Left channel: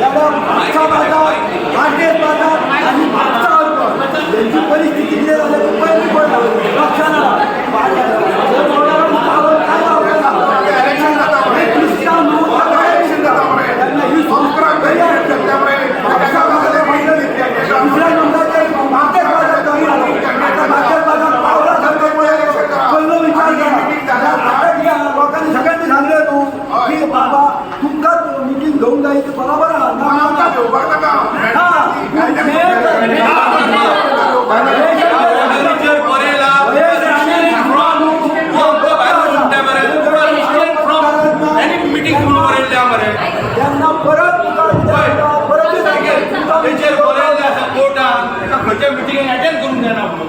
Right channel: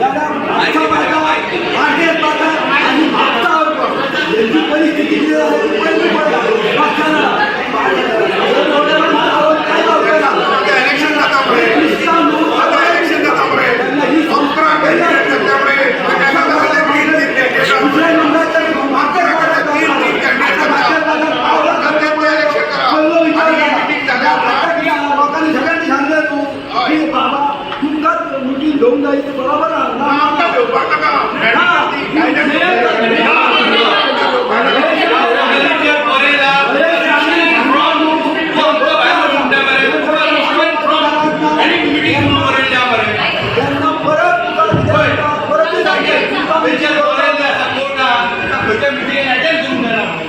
যারা लूंगा ये बराबर परत परत मिटिंग अटेंड करून देणार